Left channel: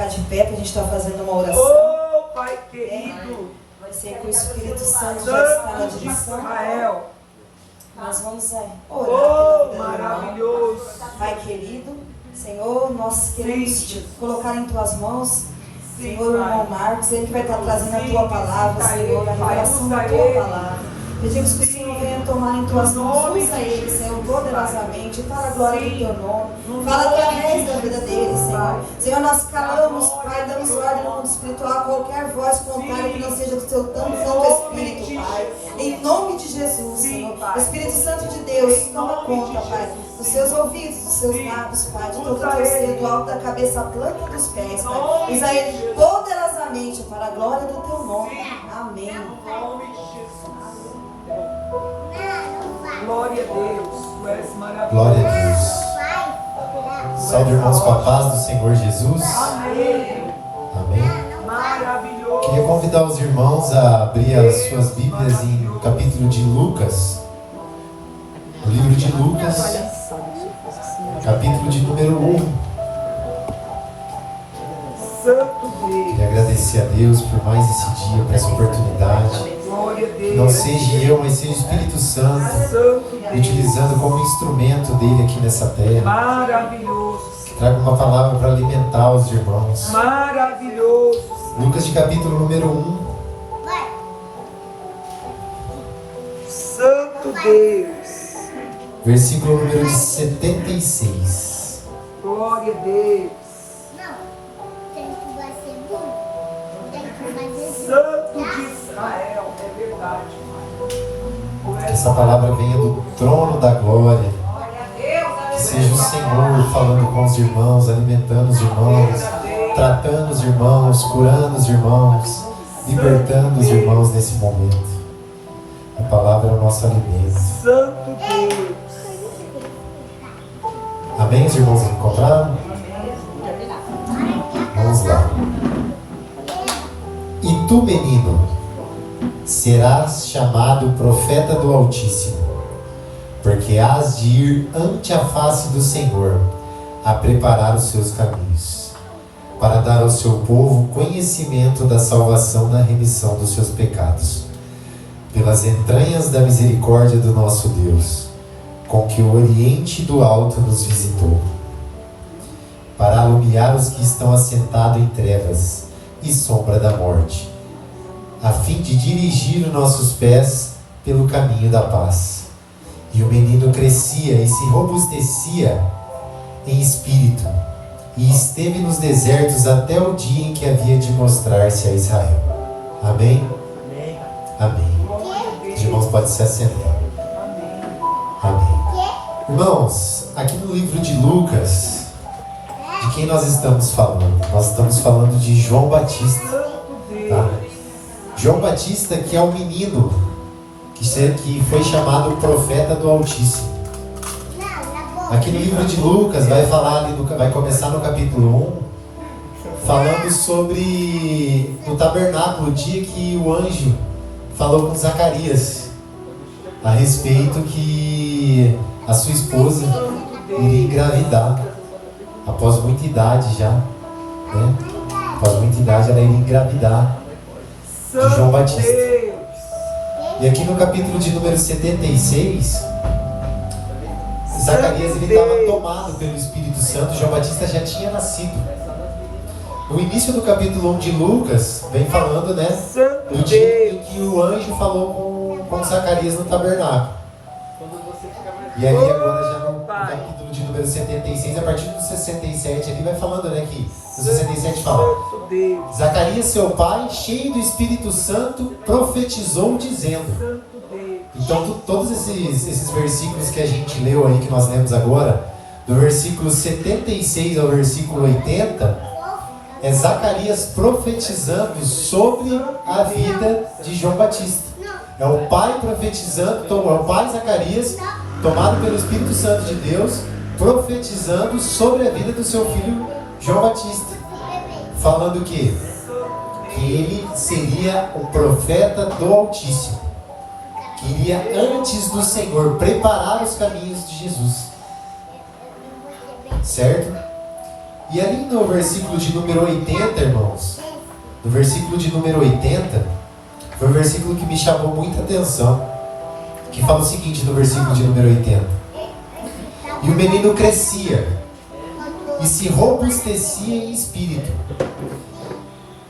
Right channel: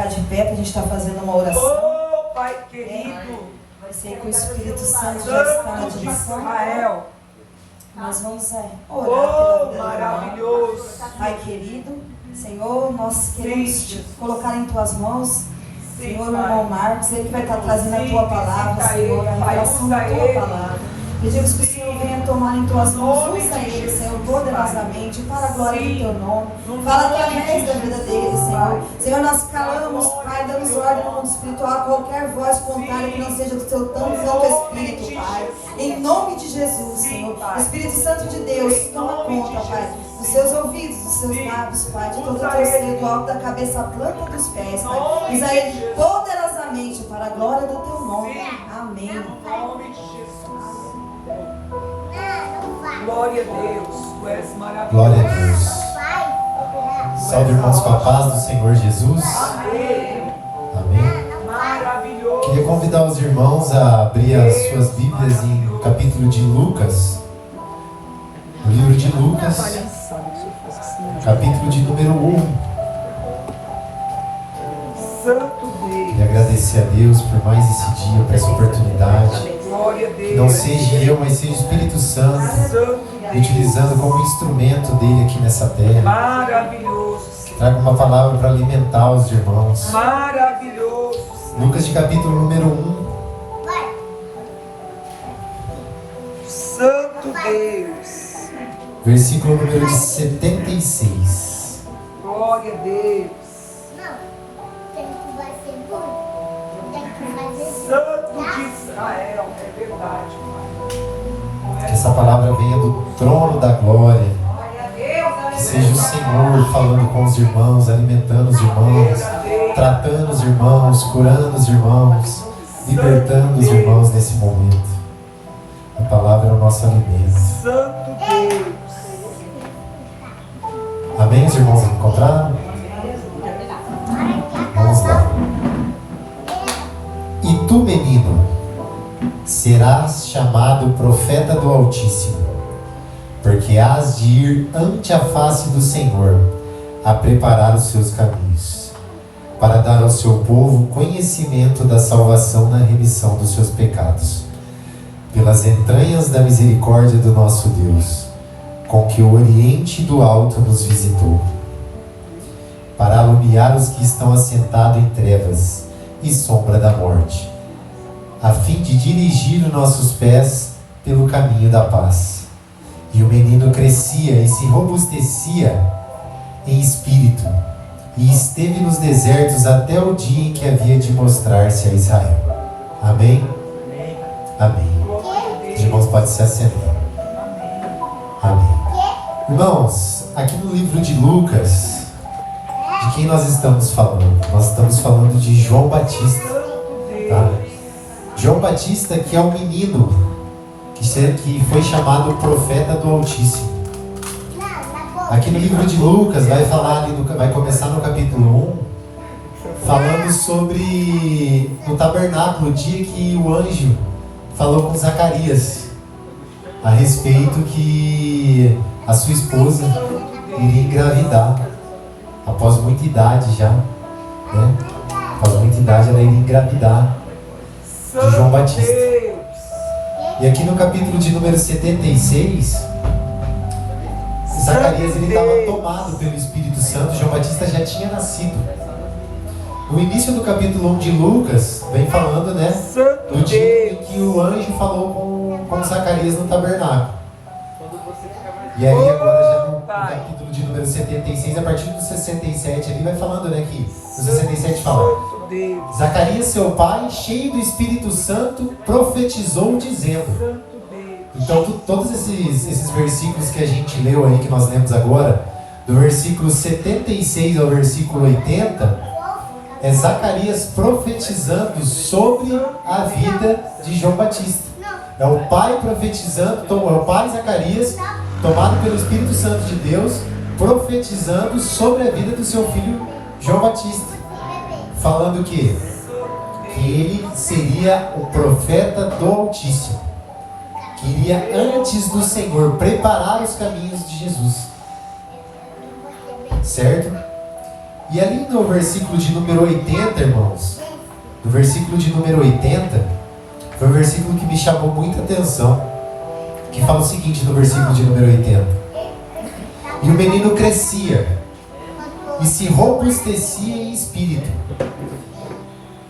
colocar de pé para a gente estar fazendo uma oração. Oh, Pai querido. Vai ser que o Espírito Santo já está na direção. Nós vamos orar pela vida maravilhoso. Pai querido, Senhor, nós queremos te colocar em tuas mãos. Senhor, o irmão Marcos, ele que vai estar trazendo a tua palavra, Senhor, a revelação da tua palavra. Pedimos que o Senhor venha tomar em tuas mãos, usa ele, Senhor, poderosamente, para a glória do teu nome. Fala através da vida dele, Senhor. Senhor, nós calamos, Pai, damos ordem no mundo espiritual a qualquer voz contrária que não seja do teu santo Espírito, Pai. Em nome de Jesus, Senhor. Espírito Santo de Deus, toma conta, Pai, dos seus ouvidos, dos seus lábios, Pai, de todo o teu ser, do alto da cabeça à planta dos pés, Pai. Usa ele poderosamente para a glória do teu nome. Amém. Glória a Deus, tu és maravilhoso. Glória a Deus. Salve, irmãos, com a paz do Senhor Jesus. Amém. Maravilhoso. Queria convidar os irmãos a abrir as suas Bíblias em capítulo de Lucas. O livro de Lucas, capítulo de número 1. Santo Deus. Queria agradecer a Deus por mais esse dia, por essa oportunidade. Glória a Deus. Que não seja eu, mas seja o Espírito Santo utilizando como instrumento dele aqui nessa terra. Maravilhoso. Traga uma palavra para alimentar os irmãos. Maravilhoso. Lucas de capítulo número 1. Santo Deus. Versículo número 76. Glória a Deus. Santo de Israel. É verdade. Que essa palavra venha do trono da glória. Que seja o Senhor falando com os irmãos, alimentando os irmãos, tratando os irmãos, curando os irmãos, libertando os irmãos nesse momento. A palavra é o nosso alimento. Santo Deus. Amém? Os irmãos encontraram? Vamos lá. E tu, menino, serás chamado profeta do Altíssimo, porque hás de ir ante a face do Senhor, a preparar os seus caminhos, para dar ao seu povo conhecimento da salvação na remissão dos seus pecados, pelas entranhas da misericórdia do nosso Deus, com que o Oriente do Alto nos visitou, para alumiar os que estão assentados em trevas e sombra da morte, a fim de dirigir os nossos pés pelo caminho da paz. E o menino crescia e se robustecia em espírito, e esteve nos desertos até o dia em que havia de mostrar-se a Israel. Amém? Amém. Os irmãos podem se assentar. Amém. Irmãos, aqui no livro de Lucas, de quem nós estamos falando? Nós estamos falando de João Batista. Tá? João Batista, que é um menino que foi chamado profeta do Altíssimo. Aqui no livro de Lucas vai começar no capítulo 1, falando sobre o tabernáculo, o dia que o anjo falou com Zacarias a respeito que a sua esposa iria engravidar após muita idade já, né? Após muita idade ela iria engravidar de João Batista. E aqui no capítulo de número 76, Zacarias estava tomado pelo Espírito Santo. João Batista já tinha nascido. O início do capítulo 1 de Lucas vem falando, né, do dia em que o anjo falou com Zacarias no tabernáculo. E aí agora já no capítulo de número 76, a partir do 67 ali vai falando, né, que no 67 fala: Zacarias, seu pai, cheio do Espírito Santo, profetizou dizendo. Então todos esses versículos que a gente leu aí, que nós lemos agora, do versículo 76 ao versículo 80, é Zacarias profetizando sobre a vida de João Batista. É o pai profetizando, é o pai Zacarias, tomado pelo Espírito Santo de Deus, profetizando sobre a vida do seu filho João Batista, falando que ele seria o profeta do Altíssimo, que iria antes do Senhor preparar os caminhos de Jesus, certo? E ali no versículo de número 80, irmãos, no versículo de número 80, foi um versículo que me chamou muita atenção, que fala o seguinte no versículo de número 80: e o menino crescia e se robustecia em espírito,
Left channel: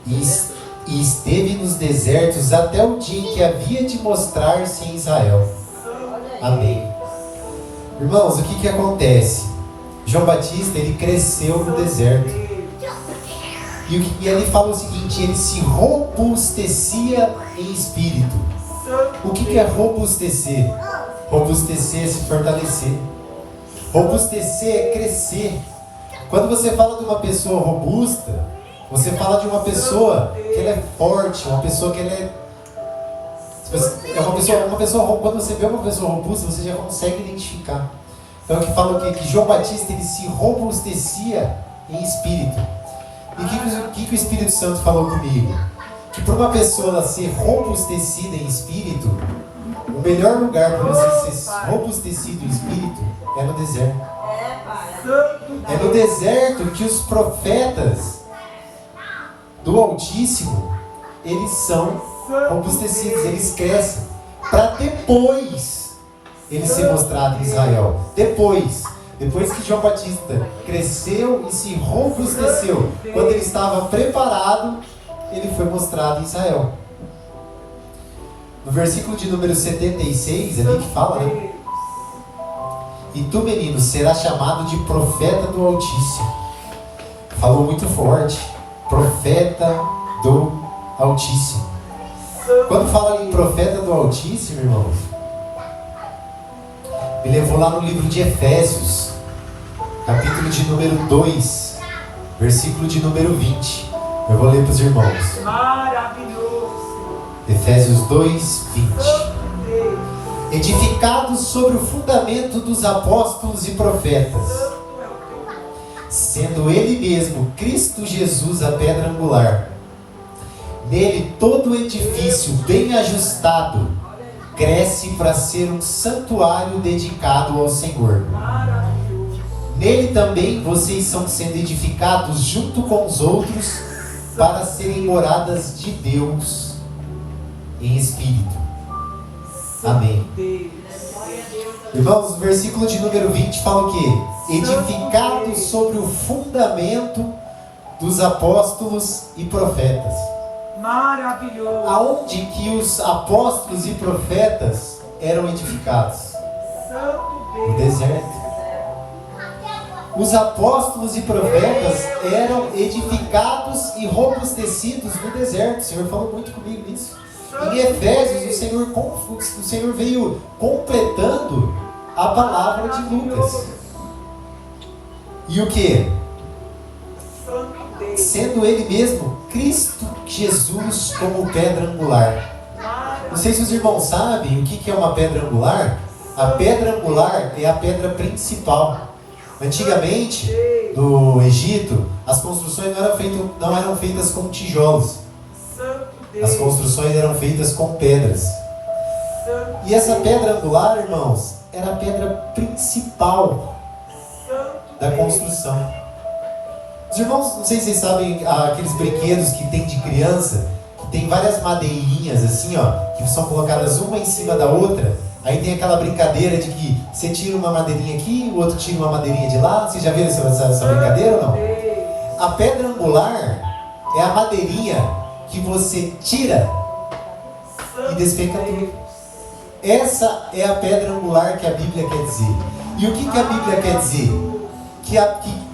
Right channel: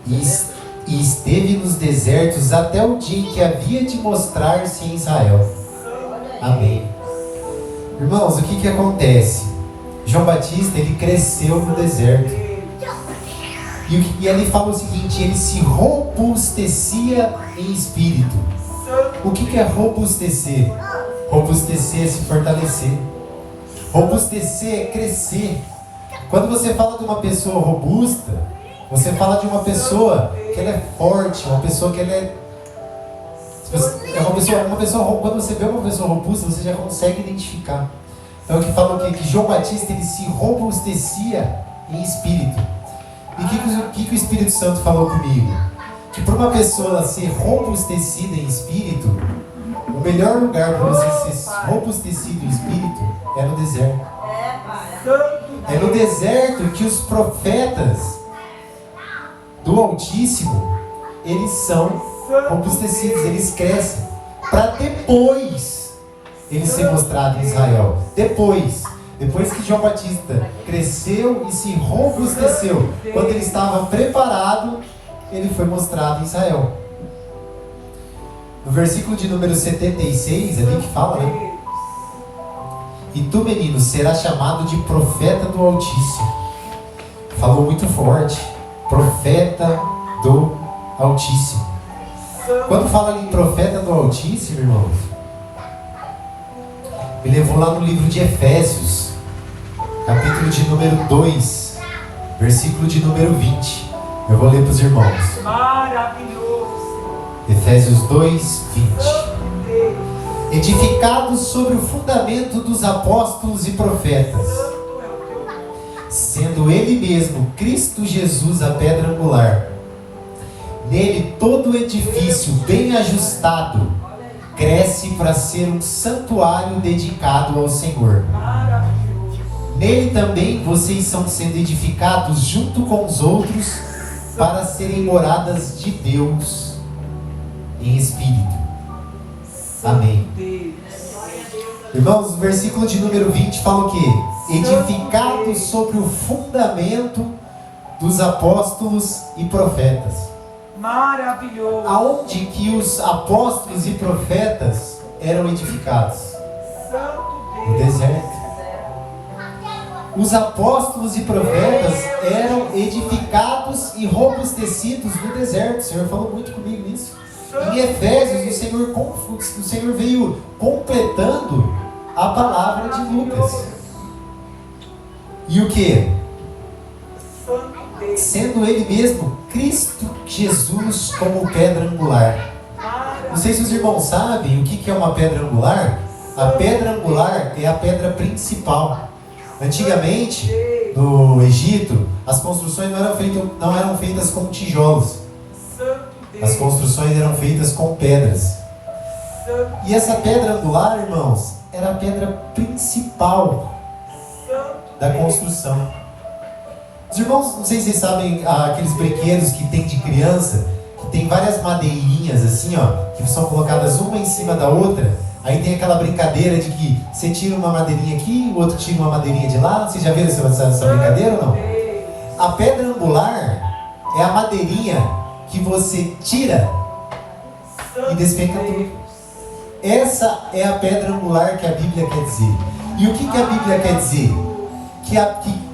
e esteve nos desertos até o dia em que havia de mostrar-se em Israel. Amém. Irmãos, o que acontece? João Batista, ele cresceu no deserto. E ele fala o seguinte: ele se robustecia em espírito. O que é robustecer? Robustecer é se fortalecer. Robustecer é crescer. Quando você fala de uma pessoa robusta, você fala de uma pessoa que ela é forte, uma pessoa que ela é uma pessoa, quando você vê uma pessoa robusta, você já consegue identificar. Então aqui fala o quê? Que João Batista, ele se robustecia em espírito. E o que o Espírito Santo falou comigo? Que para uma pessoa ser robustecida em espírito, o melhor lugar para você ser robustecido em espírito é no deserto. É no deserto que os profetas do Altíssimo, eles são robustecidos, eles crescem, para depois ele ser mostrado em Israel. Depois que João Batista cresceu e se robusteceu, quando ele estava preparado, ele foi mostrado em Israel. No versículo de número 76, ali que fala, né? E tu, menino, serás chamado de profeta do Altíssimo. Falou muito forte. Profeta do Altíssimo. Quando fala ali em profeta do Altíssimo, irmãos, me levou lá no livro de Efésios, capítulo de número 2, versículo de número 20. Eu vou ler para os irmãos. Maravilhoso. Efésios 2, 20. Edificados sobre o fundamento dos apóstolos e profetas, sendo Ele mesmo, Cristo Jesus, a pedra angular. Nele todo o edifício bem ajustado cresce para ser um santuário dedicado ao Senhor. Nele também vocês são sendo edificados junto com os outros para serem moradas de Deus em Espírito. Amém. Irmãos, o versículo de número 20 fala o quê? Edificados sobre o fundamento dos apóstolos e profetas. Maravilhoso. Aonde que os apóstolos e profetas eram edificados? No deserto. Os apóstolos e profetas eram edificados e robustecidos no deserto. O Senhor falou muito comigo nisso. Em Efésios, o Senhor veio completando a palavra de Lucas. E o que? Sendo Ele mesmo, Cristo Jesus, como pedra angular. Não sei se os irmãos sabem o que é uma pedra angular. A pedra angular é a pedra principal. Antigamente, no Egito, as construções não eram feitas com tijolos. As construções eram feitas com pedras. E essa pedra angular, irmãos, era a pedra principal da construção. Os irmãos, não sei se vocês sabem, aqueles brinquedos que tem de criança, que tem várias madeirinhas assim, ó, que são colocadas uma em cima da outra. Aí tem aquela brincadeira de que você tira uma madeirinha aqui, o outro tira uma madeirinha de lá. Vocês já viram essa brincadeira ou não? A pedra angular é a madeirinha que você tira e despenca tudo. Essa é a pedra angular que a Bíblia quer dizer. E o que a Bíblia quer dizer? Que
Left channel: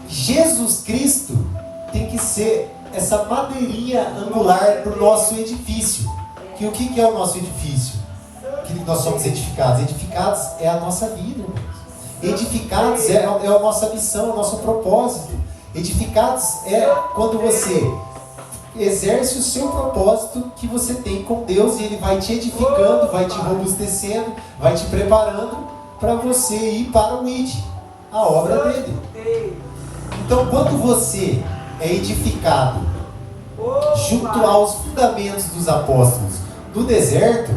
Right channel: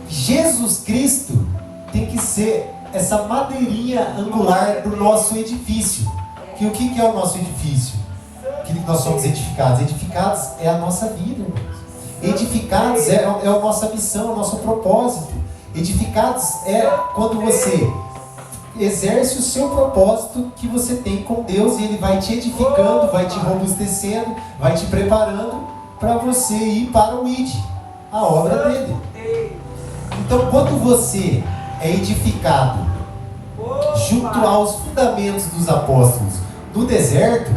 Jesus Cristo tem que ser essa madeirinha angular do nosso edifício. Que o que é o nosso edifício? Que nós somos edificados. Edificados é a nossa vida. Edificados é a nossa missão, o nosso propósito. Edificados é quando você exerce o seu propósito que você tem com Deus, e Ele vai te edificando, vai te robustecendo, vai te preparando para você ir para o ID, a obra dele. Então, quando você é edificado junto aos fundamentos dos apóstolos no deserto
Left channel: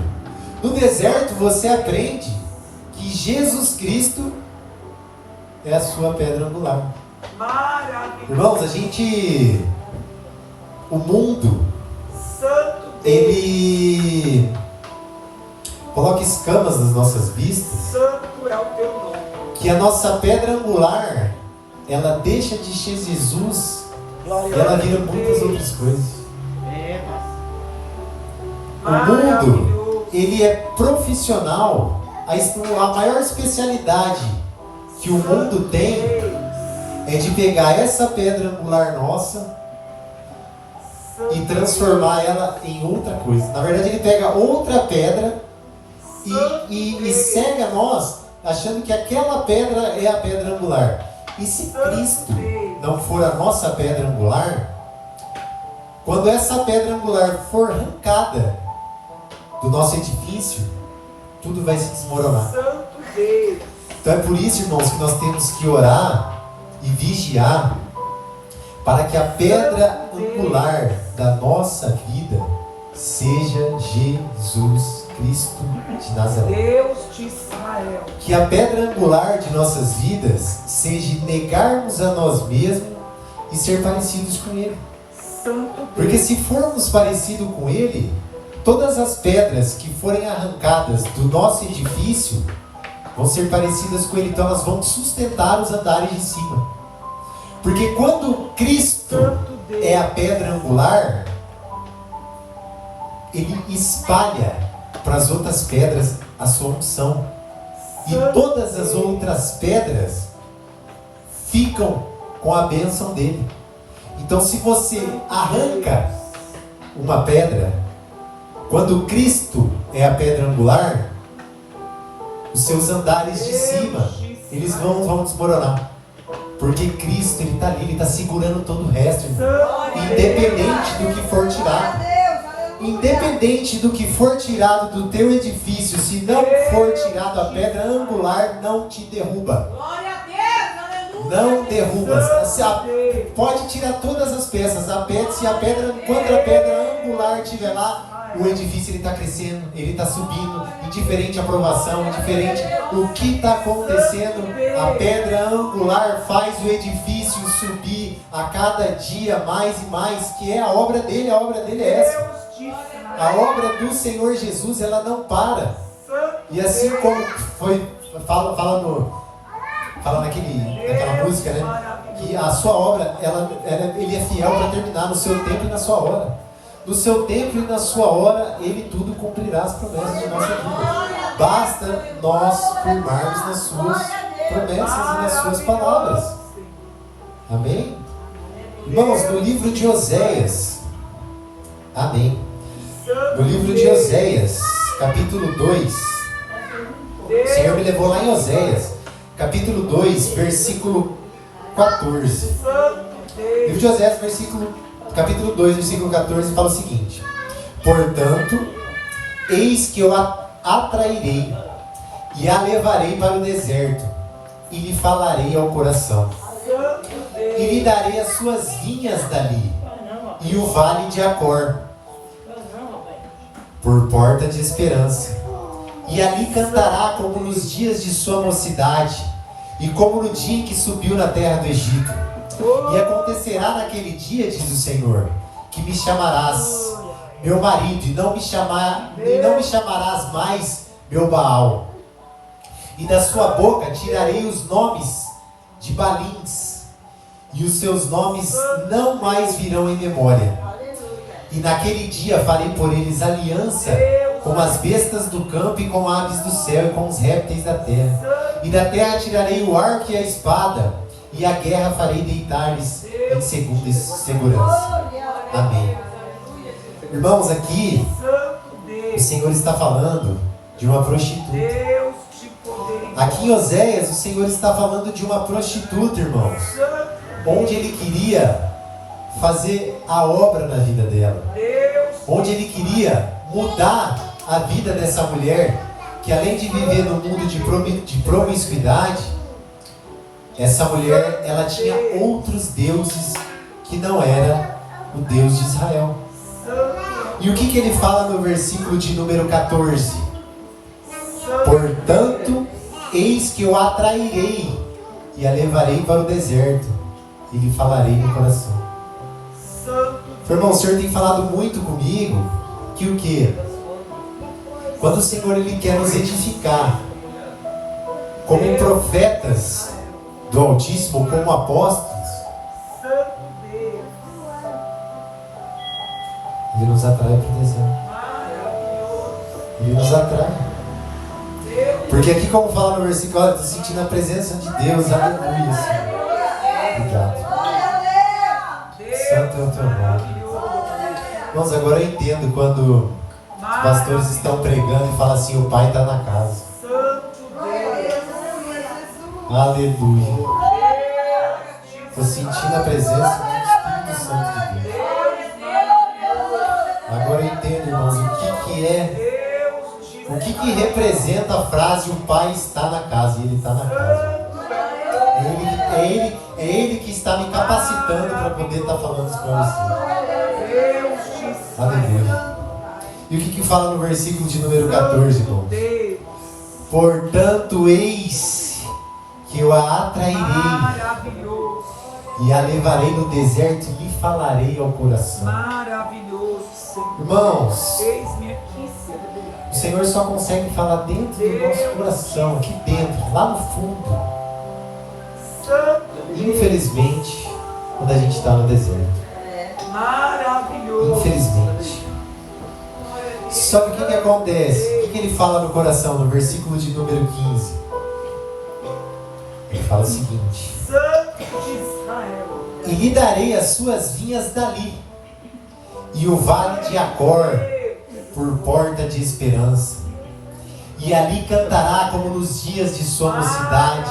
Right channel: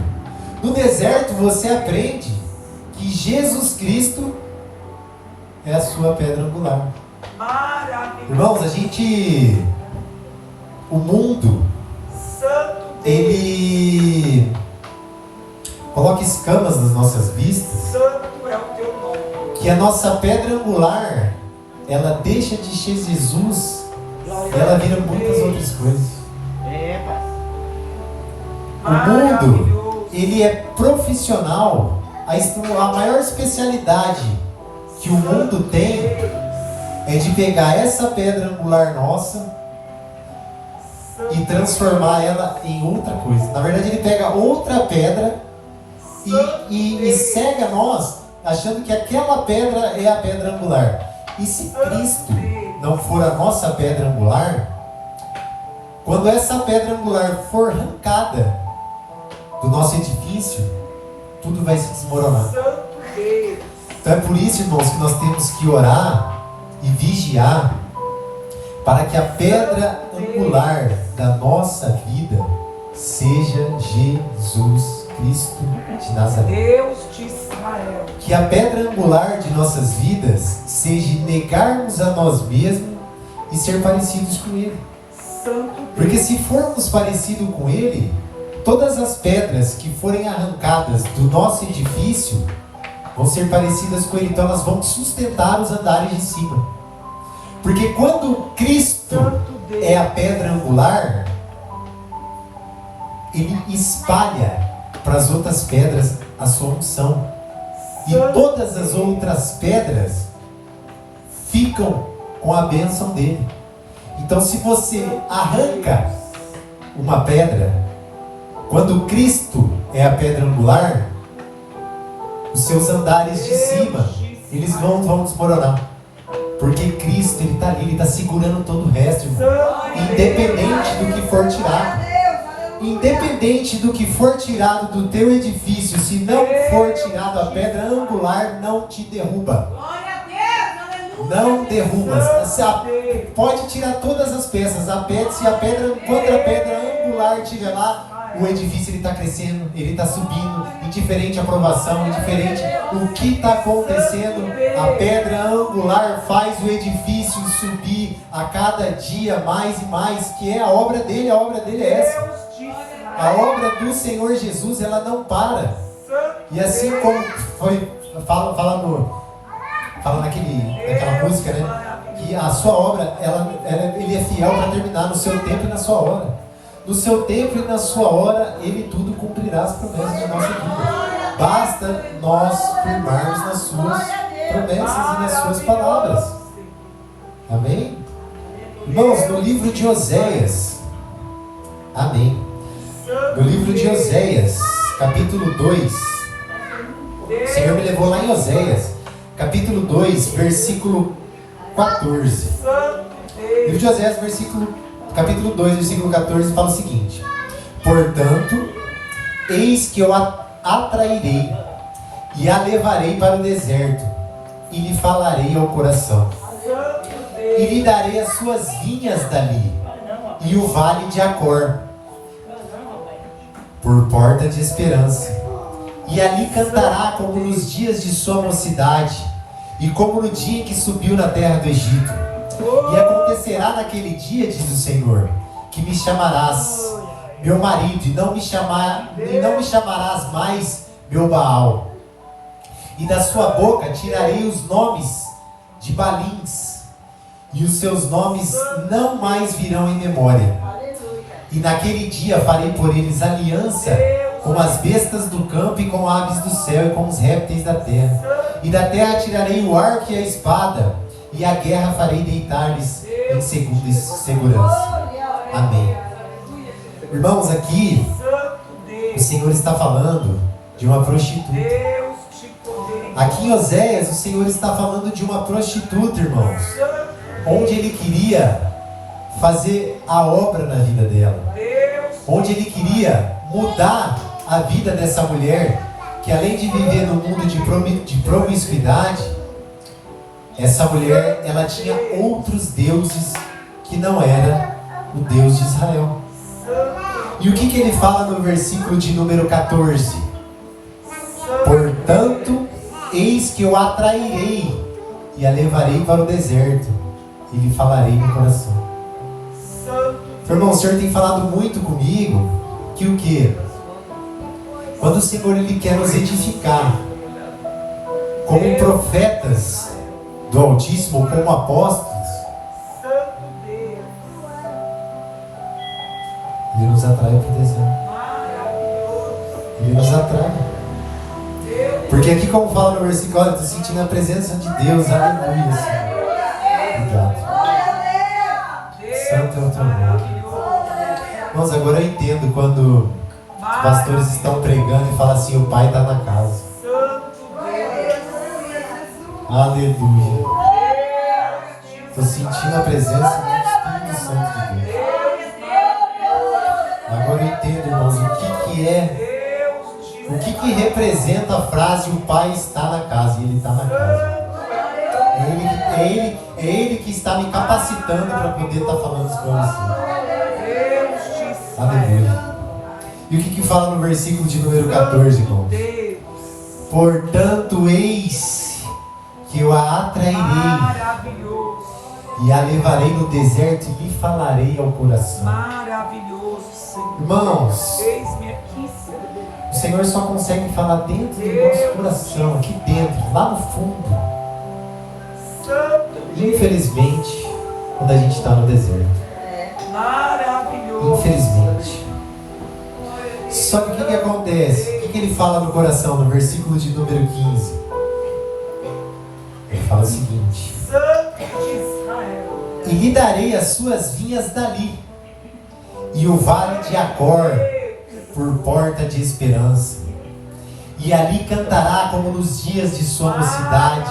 você aprende que Jesus Cristo é a sua pedra angular. Irmãos, o mundo, ele coloca escamas nas nossas vistas, que a nossa pedra angular, ela deixa de ser Jesus e ela vira muitas outras coisas. O mundo, ele é profissional, a maior especialidade que o mundo tem é de pegar essa pedra angular nossa e transformar ela em outra coisa. Na verdade, ele pega outra pedra e cega nós, achando que aquela pedra é a pedra angular. E se Cristo não for a nossa pedra angular, quando essa pedra angular for arrancada do nosso edifício, tudo vai se desmoronar. Então é por isso, irmãos, que nós temos que orar e vigiar para que a pedra angular da nossa vida seja Jesus Cristo de Nazaré. Deus de Israel. Que a pedra angular de nossas vidas seja negarmos a nós mesmos e ser parecidos com Ele. Porque se formos parecidos com Ele, todas as pedras que forem arrancadas do nosso edifício vão ser parecidas com Ele, então elas vão sustentar os andares de cima. Porque quando Cristo é a pedra angular, Ele espalha para as outras pedras a sua unção. E todas as outras pedras ficam com a bênção dele. Então, se você arranca uma pedra, quando Cristo é a pedra angular, os seus andares de cima, eles vão desmoronar. Porque Cristo, Ele está ali, Ele está segurando todo o resto, irmão. Independente do que for tirado. Independente do que for tirado do teu edifício, se não for tirado a pedra angular, não te derruba. Não derruba. Pode tirar todas as peças. Quando a pedra angular estiver lá, o edifício está crescendo, ele está subindo, indiferente a aprovação, indiferente o que está acontecendo, a pedra angular faz o edifício subir a cada dia mais e mais, que é a obra dele é essa. A obra do Senhor Jesus, ela não para. E assim como fala naquela música, né? Que a sua obra, ele é fiel para terminar no seu tempo e na sua hora. No seu tempo e na sua hora, Ele tudo cumprirá as promessas de nossa vida. Basta nós firmarmos nas suas promessas e nas suas palavras. Amém? Irmãos, no livro de Oséias, amém. No livro de Oséias, capítulo 2, o Senhor me levou lá em Oséias, capítulo 2, versículo 14. Livro de Oséias, capítulo 2, versículo 14, fala o seguinte: portanto, eis que eu a atrairei e a levarei para o deserto, e lhe falarei ao coração, e lhe darei as suas vinhas dali, e o vale de Acor, por porta de esperança. E ali cantará como nos dias de sua mocidade, e como no dia em que subiu na terra do Egito. E acontecerá naquele dia, diz o Senhor, que me chamarás meu marido, e não me chamarás mais meu Baal. E da sua boca tirarei os nomes de Balins, e os seus nomes não mais virão em memória. E naquele dia farei por eles aliança com as bestas do campo e com aves do céu e com os répteis da terra. E da terra tirarei o arco e a espada, e a guerra farei deitar-lhes em segurança. Amém. Irmãos, aqui o Senhor está falando de uma prostituta. Aqui em Oséias, o Senhor está falando de uma prostituta, irmãos, onde Ele queria fazer a obra na vida dela, onde Ele queria mudar a vida dessa mulher, que além de viver no mundo de promiscuidade, essa mulher, ela tinha outros deuses que não era o Deus de Israel. E o que ele fala no versículo de número 14? Portanto, eis que eu a atrairei e a levarei para o deserto, e lhe falarei no coração. Irmão, o Senhor tem falado muito comigo que o quê? Quando o Senhor Ele quer nos edificar como profetas do Altíssimo, como apóstolos, Ele nos atrai para o deserto. Ele nos atrai. Porque aqui, como fala no versículo, olha, estou sentindo a presença de Deus, aleluia, Senhor. Obrigado. Santo é o teu nome. Irmãos, agora eu entendo quando os pastores estão pregando e falam assim, o Pai está na casa. Aleluia. Estou sentindo a presença do Espírito Santo de Deus. Agora eu entendo, irmãos, o que representa a frase o Pai está na casa, e Ele está na casa. É Ele que está me capacitando para poder estar falando isso para você. Aleluia. E o que fala no versículo de número 14, irmãos? Portanto, eis que eu a atrairei e a levarei no deserto e lhe falarei ao coração. Irmãos, o Senhor só consegue falar dentro do nosso coração, aqui dentro, lá no fundo. Infelizmente, quando a gente está no deserto. Infelizmente. Só que o que acontece? O que ele fala no coração, no versículo de número 15? Ele fala o seguinte: e lhe darei as suas vinhas dali, e o vale de Acor por porta de esperança. E ali cantará como nos dias de sua mocidade,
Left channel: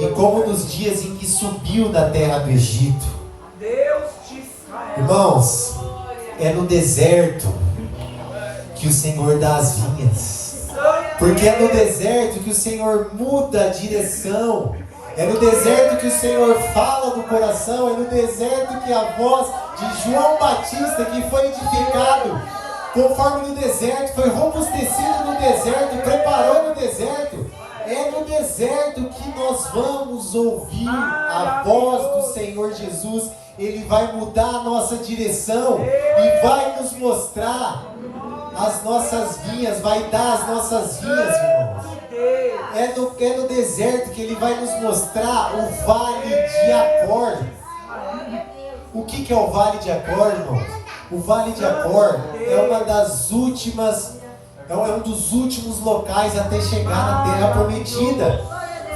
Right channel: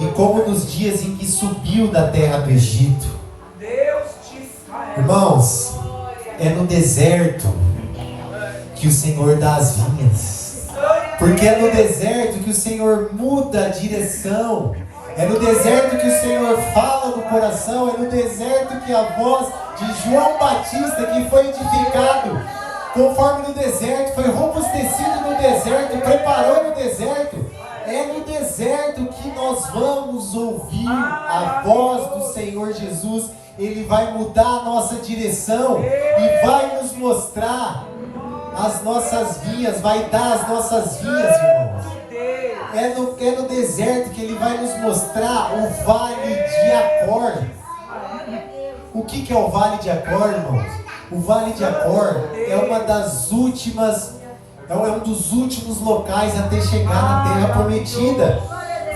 e como nos dias em que subiu da terra do Egito. Irmãos, é no deserto que o Senhor dá as vinhas. Porque é no deserto que o Senhor muda a direção. É no deserto que o Senhor fala do coração. É no deserto que a voz de João Batista, que foi edificado conforme no deserto, foi robustecido no deserto, preparou no deserto. É no deserto que nós vamos ouvir a voz do Senhor Jesus. Ele vai mudar a nossa direção e vai nos mostrar as nossas vinhas, vai dar as nossas vinhas, irmãos. É no deserto que Ele vai nos mostrar o Vale de Acor. O que é o Vale de Acor, irmãos? O Vale de Acor é um dos últimos locais até chegar na Terra Prometida.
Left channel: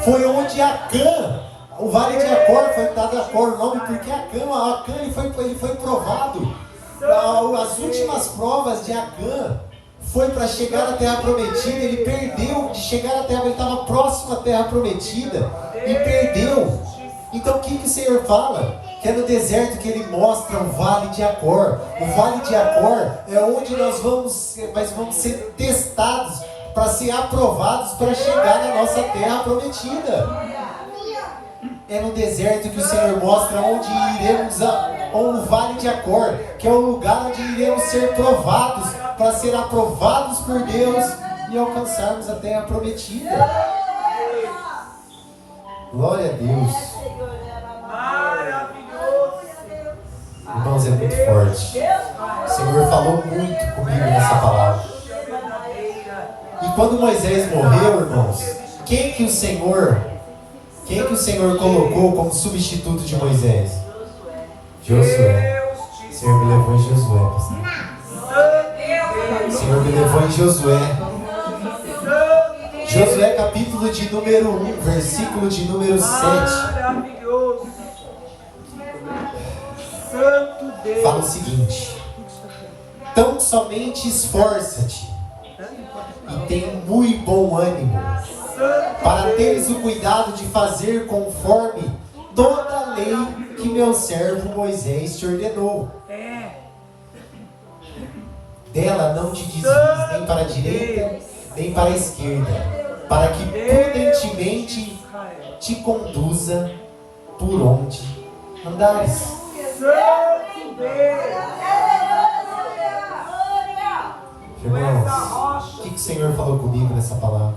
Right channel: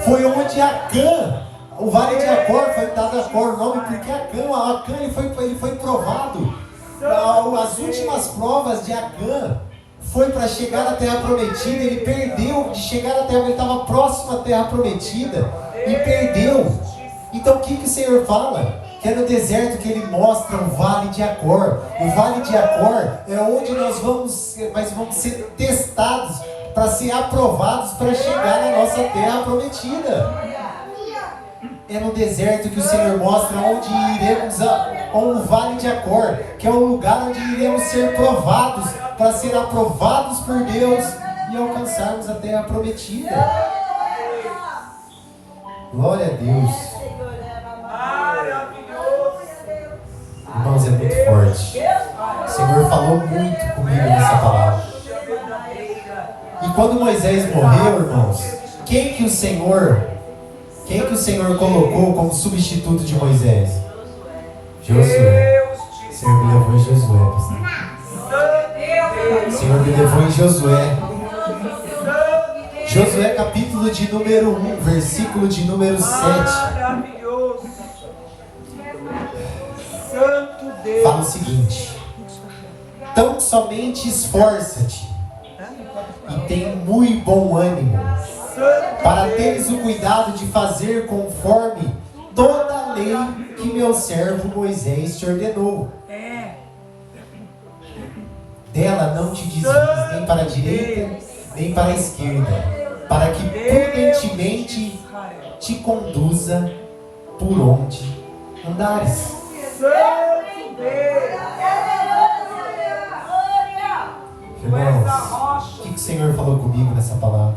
Foi onde Acã, o Vale de Acor, foi dado Acor o nome porque Acã ele foi provado. As últimas provas de Acã foi para chegar na Terra Prometida. Ele perdeu de chegar na Terra, ele estava próximo à Terra Prometida e perdeu. Então o que o Senhor fala? Que é no deserto que Ele mostra o Vale de Acor. O Vale de Acor é onde nós vamos ser testados para ser aprovados para chegar na nossa Terra Prometida. É no deserto que o Senhor mostra onde iremos o Vale de Acor, que é o lugar onde iremos ser provados para ser aprovados por Deus e alcançarmos a Terra Prometida. Glória a Deus. Irmãos, é muito forte. O Senhor falou muito comigo nessa palavra. E quando Moisés morreu, irmãos, quem que o Senhor colocou como substituto de Moisés? Josué. O Senhor me levou em Josué, pastor. O Senhor me levou em Josué. Josué capítulo de número 1, versículo de número 7. Fala o seguinte: tão somente esforça-te e tem muito bom ânimo, para teres o cuidado de fazer conforme toda a lei que meu servo Moisés te ordenou. Dela não te desvies nem para a direita nem para a esquerda, para que prudentemente te conduza por onde andares. Irmãos, o que o Senhor falou comigo nessa palavra?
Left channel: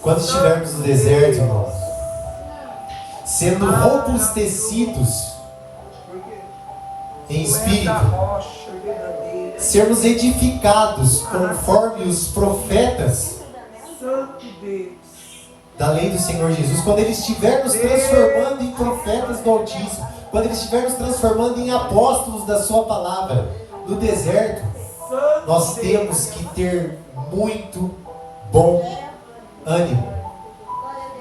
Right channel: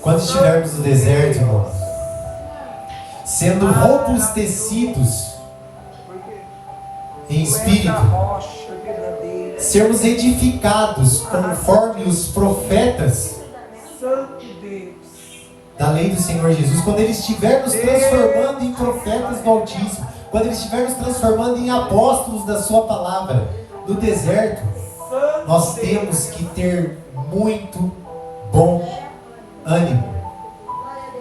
Quando estivermos no deserto, irmãos, sendo robustecidos em espírito, sermos edificados conforme os profetas da lei do Senhor Jesus, quando Ele estiver nos transformando em profetas do Altíssimo, quando Ele estiver nos transformando em apóstolos da Sua palavra no deserto, nós temos que ter muito bom ânimo.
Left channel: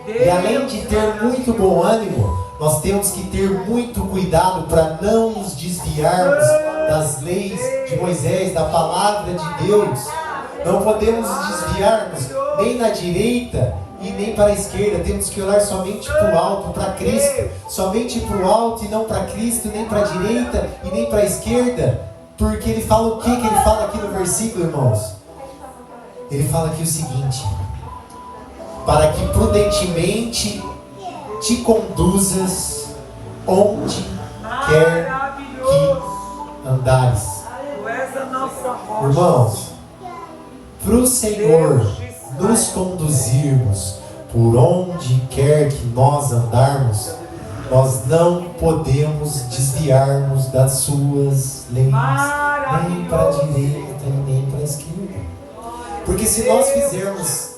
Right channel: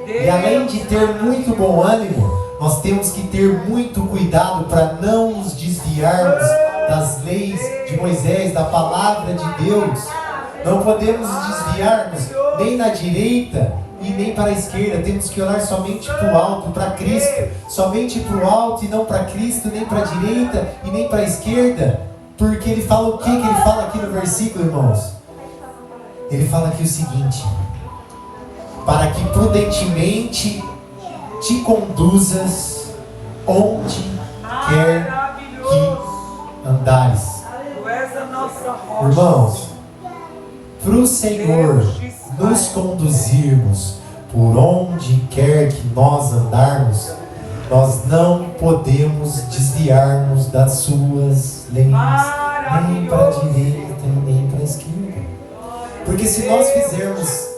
E além de ter muito bom ânimo, nós temos que ter muito cuidado para não nos desviarmos das leis de Moisés, da palavra de Deus. Não podemos nos desviarmos nem na direita e nem para a esquerda. Temos que olhar somente para o alto, para Cristo. Somente para o alto e não para Cristo, nem para a direita e nem para a esquerda. Porque Ele fala o que Ele fala aqui no versículo, irmãos? Ele fala aqui o seguinte: para que prudentemente te conduzas onde quer que andares. Irmãos, para o Senhor nos conduzirmos por onde quer que nós andarmos, nós não podemos desviarmos das suas leis, nem para a direita e nem para a esquerda. Porque se nós fizermos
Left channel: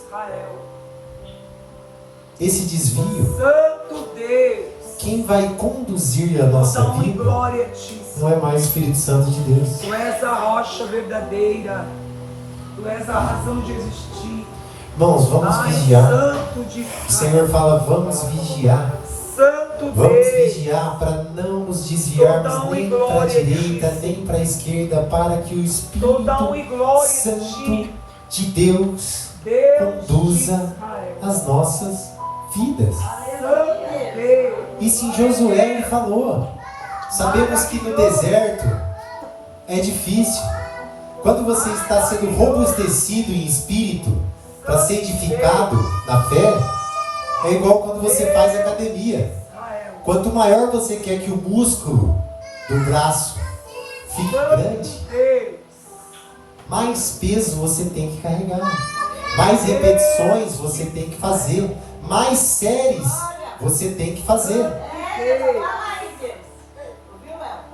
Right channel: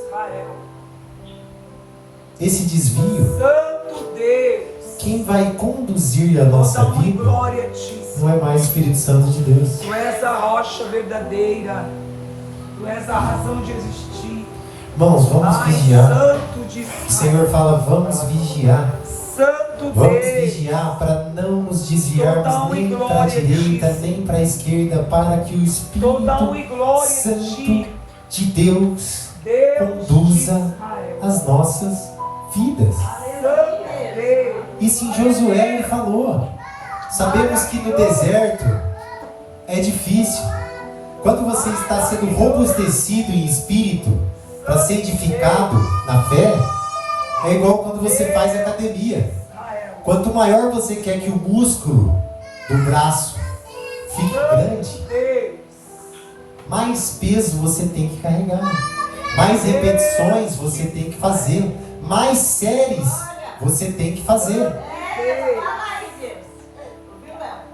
esse desvio, quem vai conduzir a nossa vida não é mais o Espírito Santo de Deus. Tu és a rocha verdadeira, Tu és a razão de existir. Irmãos, vamos vigiar. O Senhor fala, vamos vigiar. Vamos vigiar para não nos desviarmos nem para a direita, nem para a esquerda, para que o Espírito Santo de Deus conduza as nossas vidas. Isso em Josué ele falou. Sabemos que no deserto é difícil. Quando você está sendo robustecido em espírito para ser edificado na fé, é igual quando você faz academia. Quanto maior você quer que o músculo do braço fique grande, mais peso você tem que carregar, mais repetições você tem que fazer, mais séries você tem que fazer.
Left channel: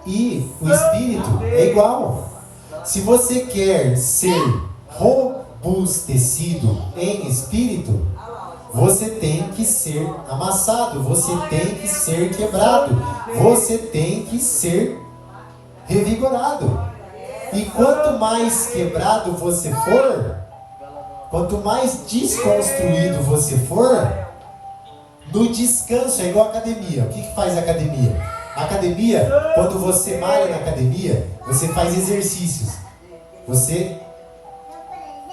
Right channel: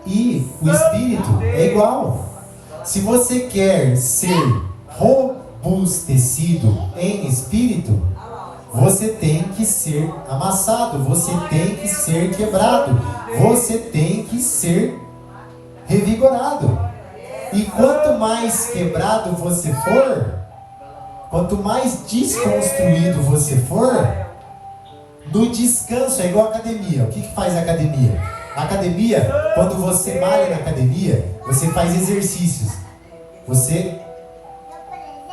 E o espírito é igual. Se você quer ser robustecido em espírito, você tem que ser amassado, você tem que ser quebrado, você tem que ser revigorado. E quanto mais quebrado você for, quanto mais desconstruído você for, no descanso é igual a academia. O que faz a academia? A academia, quando você malha na academia, você faz exercícios. Você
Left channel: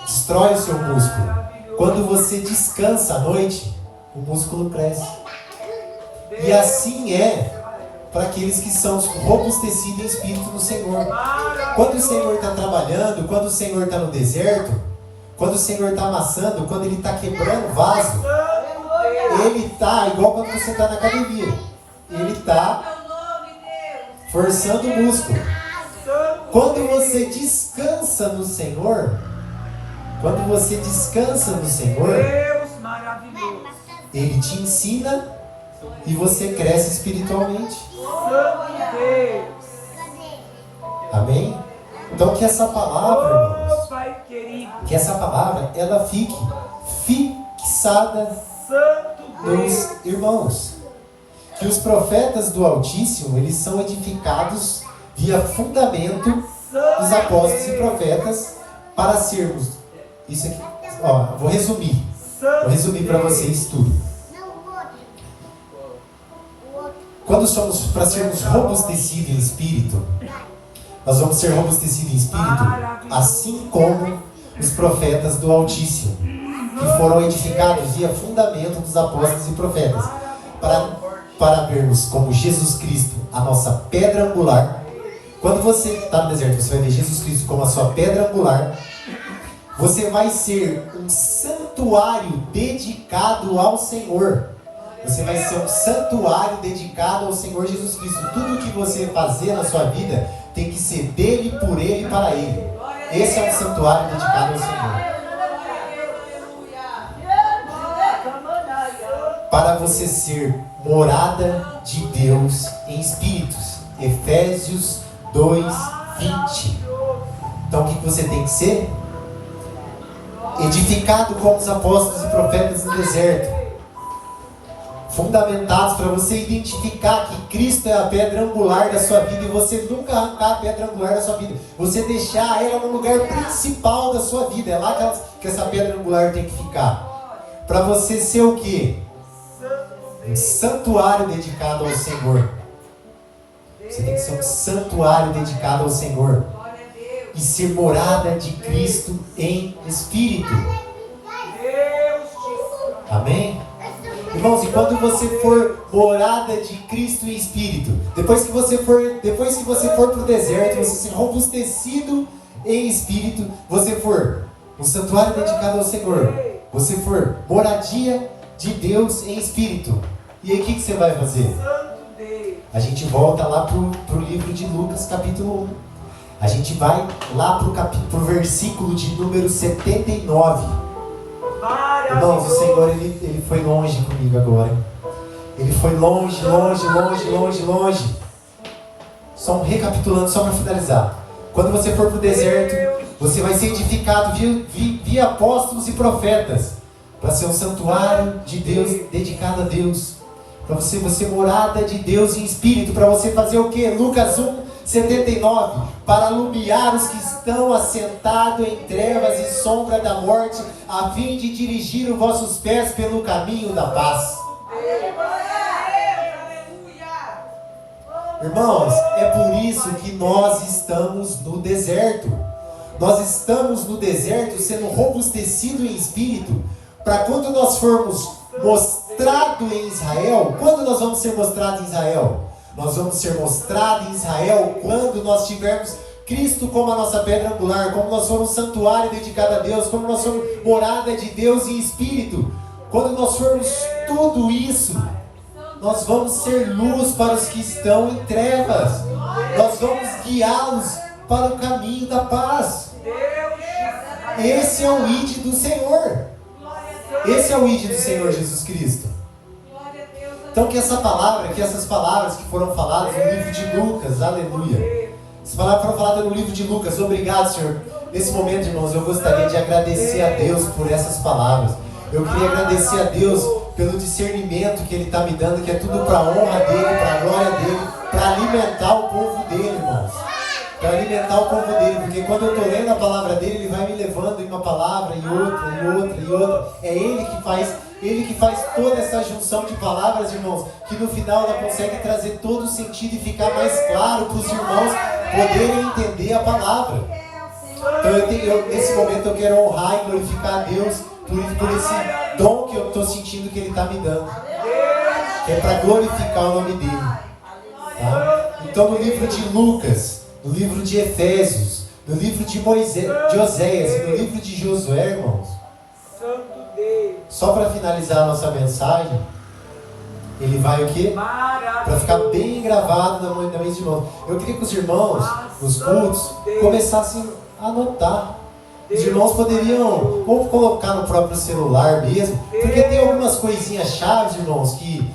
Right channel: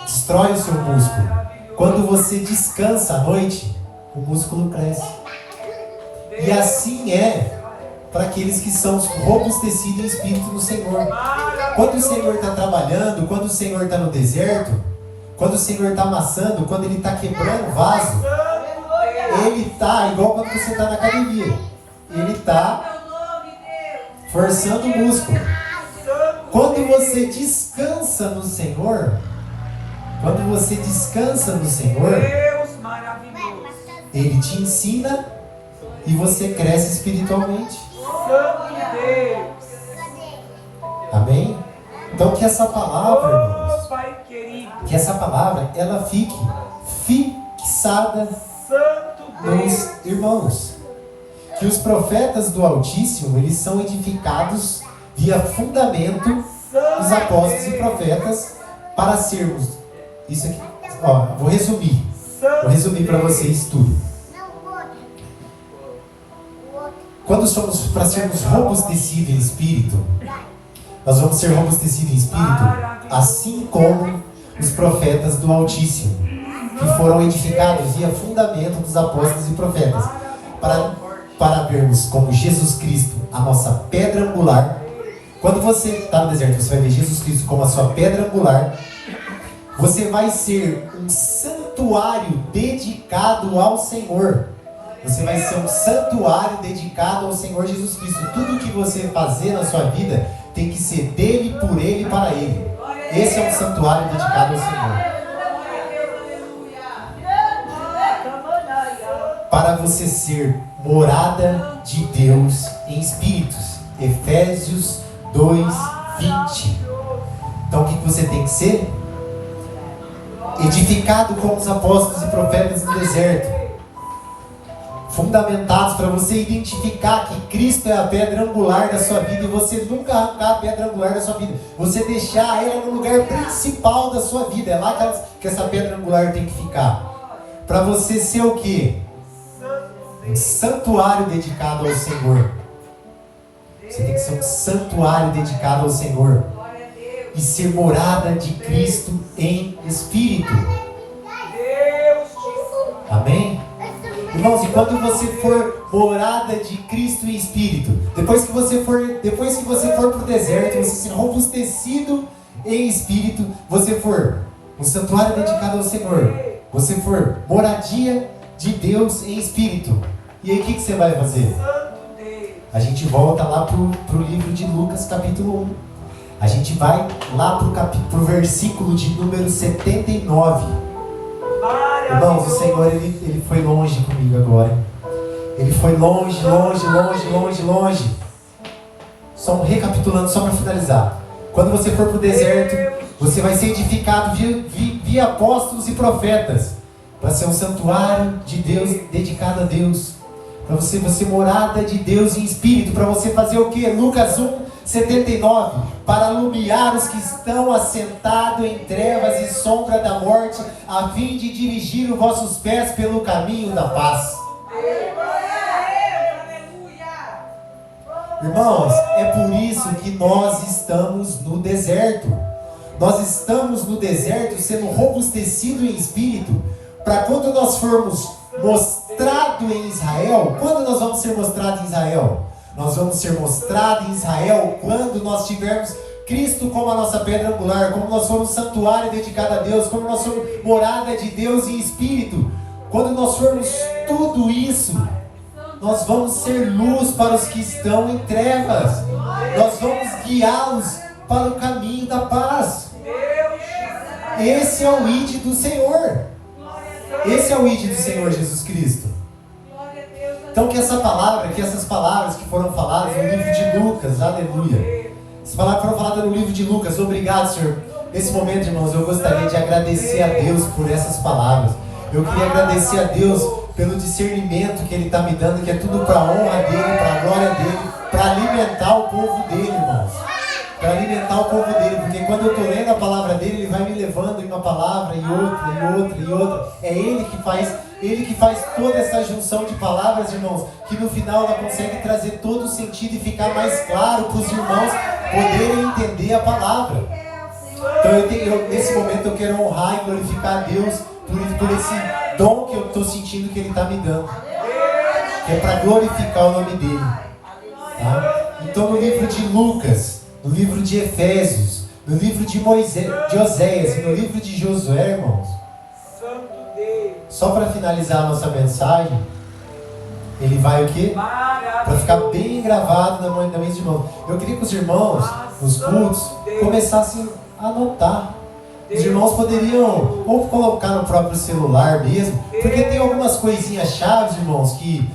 destrói o seu músculo. Quando você descansa à noite, o músculo cresce. E assim é para aqueles que são robustecidos em espírito no Senhor. Quando o Senhor está trabalhando, quando o Senhor está no deserto, quando o Senhor está amassando, quando Ele está quebrando o vaso, Ele está igual quando você está na academia. Ele está forçando o músculo. Quando você descansa no Senhor, Ele te ensina e você cresce espiritualmente. Amém? Então que essa palavra, irmãos, que essa palavra, ela fique fixada nos irmãos. Que os profetas do Altíssimo, eles são edificados via fundamento dos apóstolos e profetas para sermos. Isso aqui, ó, vou resumir para vocês tudo. Quando somos para sermos robustecidos em espírito, nós vamos ser robustecidos em espírito, assim como os profetas do Altíssimo, que foram edificados via fundamento dos apóstolos e profetas, para vermos como Jesus Cristo, a nossa pedra angular. Quando você está no deserto, você vai ver Jesus Cristo como a sua pedra angular. Você vai ser um santuário dedicado ao Senhor. Você vai ser um santuário dedicado ao Senhor Jesus Cristo. Tudo que você fazer na sua vida tem que ser dele, por ele e para ele. Esse é um santuário dedicado ao Senhor. Para você ser morada de Deus em espíritos. Efésios 2:20. Então o que você tem que ser? Edificado como os apóstolos e profetas no deserto. Fundamentados para você identificar que Cristo é a pedra angular da sua vida e você nunca arrancar a pedra angular da sua vida. Você deixar ela no lugar principal da sua vida. É lá que essa pedra angular tem que ficar. Para você ser o quê? Um santuário dedicado ao Senhor. Você tem que ser um santuário dedicado ao Senhor. E ser morada de Cristo em espírito. Amém? Irmãos, e quando você for morada de Cristo em espírito, depois que você for para o deserto, você ser robustecido em espírito, você for um santuário dedicado ao Senhor, você for moradia de Deus em espírito, e aí o que você vai fazer? A gente volta lá para o livro de Lucas capítulo 1. A gente vai lá para o versículo de número 79. Irmãos, o Senhor, ele foi longe comigo agora. Ele foi longe. Só recapitulando, só para finalizar. Quando você for para o deserto, você vai ser edificado via apóstolos e profetas. Para ser um santuário de Deus, dedicado a Deus. Para você ser morada de Deus em espírito. Para você fazer o que? Lucas 1:79. Para alumiar os que estão assentados em trevas e sombra da morte, a fim de dirigir os vossos pés pelo caminho da paz. Irmãos, é por isso que nós estamos no deserto. Nós estamos no deserto sendo robustecidos em espírito, para quando nós formos mostrados em Israel. Quando nós vamos ser mostrados em Israel? Nós vamos ser mostrados em Israel quando nós tivermos Cristo como a nossa pedra angular, como nós formos um santuário dedicado a Deus, como nós somos morada de Deus em espírito. Quando nós formos tudo isso, nós vamos ser luz para os que estão em trevas. Nós vamos guiá-los para o caminho da paz. Esse é o ID do Senhor. Esse é o ID do Senhor Jesus Cristo. Então que essas palavras que foram faladas no livro de Lucas, aleluia. Essas palavras foram faladas no livro de Lucas. Obrigado, Senhor. Nesse momento, irmãos, eu gostaria de agradecer a Deus por essas palavras. Eu queria agradecer a Deus pelo discernimento que Ele está me dando, que é tudo para a honra dEle, para a glória dEle, para alimentar o povo dEle, irmãos. Para alimentar o povo dEle, porque quando eu estou lendo a palavra dEle, Ele vai me levando em uma palavra, e outra. É Ele que faz toda essa junção de palavras, irmãos, que no final ela consegue trazer todo o sentido e ficar mais claro para os irmãos poderem entender a palavra. Então nesse momento eu quero honrar e glorificar a Deus por esse dom que eu estou sentindo que Ele está me dando, que é para glorificar o nome dEle. Tá? Então no livro de Lucas, no livro de Efésios, no livro de Oséias e no livro de Josué, irmãos, só para finalizar a nossa mensagem, ele vai o quê? Para ficar bem gravado na mente de novo. Eu queria que os irmãos, nos cultos, começassem a anotar. Os irmãos poderiam ou colocar no próprio celular mesmo, porque tem algumas coisinhas chaves, irmãos, que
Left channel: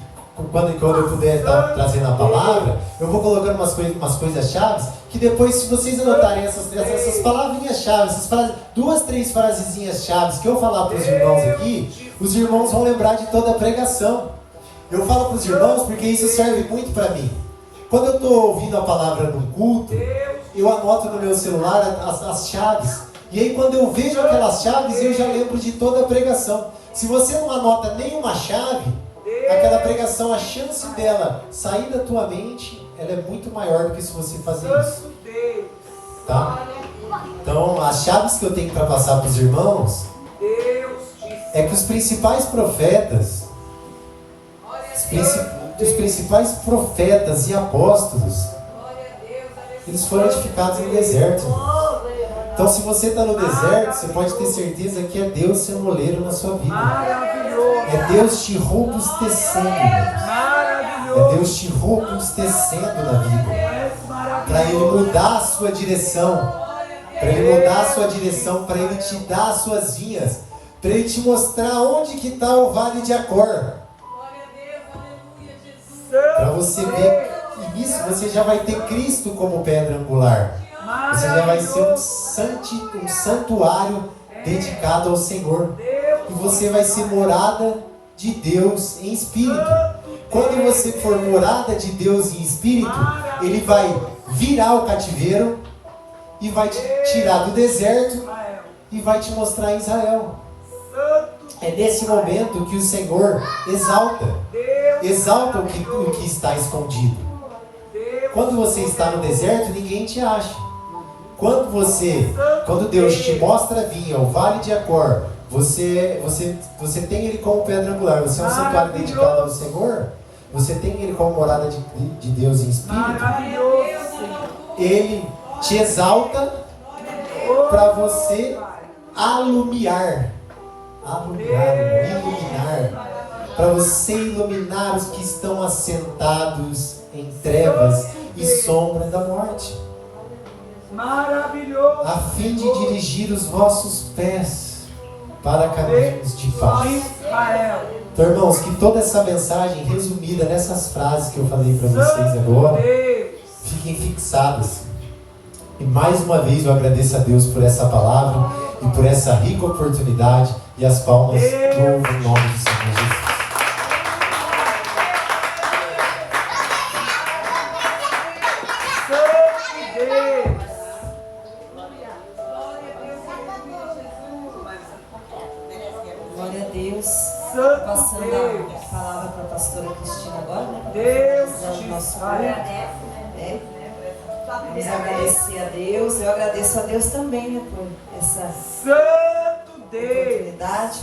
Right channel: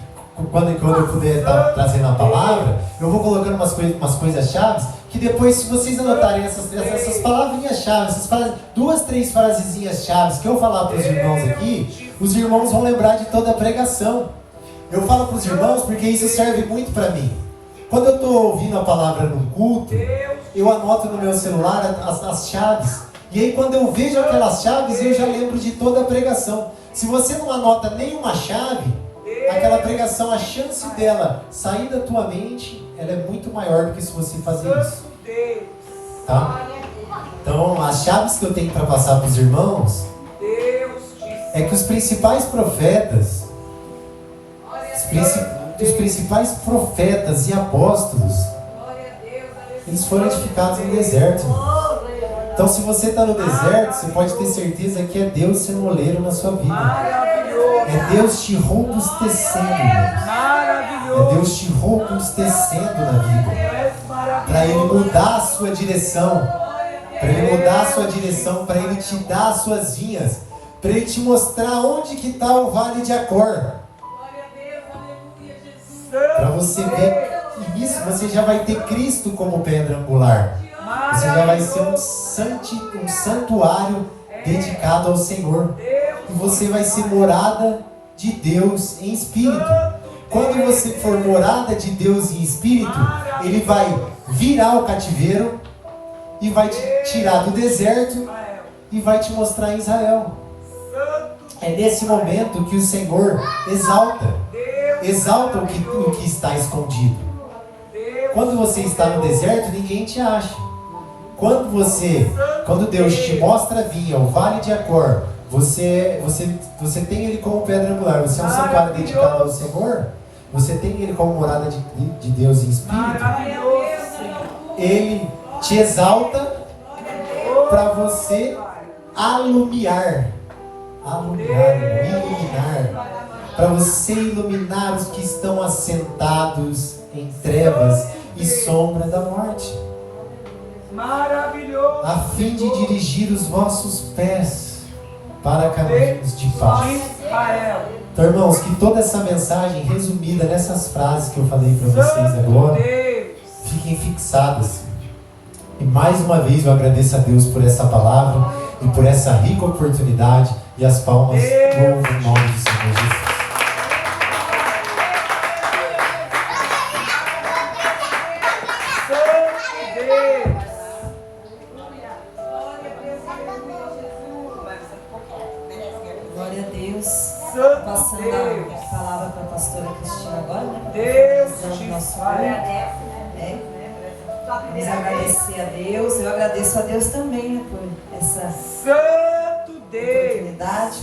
quando eu puder estar trazendo a palavra, eu vou colocando umas coisas chaves, que depois, se vocês anotarem essas palavrinhas chaves, essas 2, 3 frasezinhas chaves que eu falar para os irmãos aqui, os irmãos vão lembrar de toda a pregação. Eu falo para os irmãos porque isso serve muito para mim. Quando eu estou ouvindo a palavra no culto, eu anoto no meu celular as chaves. E aí quando eu vejo aquelas chaves, eu já lembro de toda a pregação. Se você não anota nenhuma chave, aquela pregação, a chance dela sair da tua mente, ela é muito maior do que se você fazer isso. Tá? Então, as chaves que eu tenho para passar para os irmãos é que os principais profetas, os principais profetas e apóstolos, eles foram edificados no deserto. Então, se você está no deserto, você pode ter certeza que é Deus ser moleiro na sua vida. É Deus te robustecendo, irmãos. É Deus te robustecendo na vida. Para Ele mudar a sua direção. Para Ele mudar a sua direção. Para Ele te dar as suas vinhas. Para Ele te mostrar onde que está o vale de Acor. Para você ver, e nisso você já vai ter Cristo como pedra angular. Você já vai ser um santuário dedicado ao Senhor. E você vai ser morada de Deus em espírito. Quando você for morada de Deus em espírito, Ele vai virar o cativeiro e vai te tirar do deserto e vai te mostrar Israel. É nesse momento que o Senhor exalta o que está escondido. Quando você está no deserto, ninguém te acha. Quando Deus te mostra a vinha, o vale de Acor, você tem Ele como pedra angular, você é um santuário dedicado ao Senhor, você tem Ele como morada de Deus em espírito, Ele te exalta para você iluminar, para você iluminar os que estão assentados em trevas e sombra da morte, a fim de dirigir os vossos pés para caminhos de paz. Então, irmãos, que toda essa mensagem resumida nessas frases que eu falei para vocês agora fiquem fixadas. E mais uma vez eu agradeço a Deus por essa palavra e por essa rica oportunidade, e as palmas louvam o nome do Senhor Jesus. Glória a Deus. Passando a palavra para a pastora Cristina agora, né? Deus te nosso salve. Vamos agradecer a Deus. Eu agradeço a Deus também, né, por essa Santo Deus. oportunidade.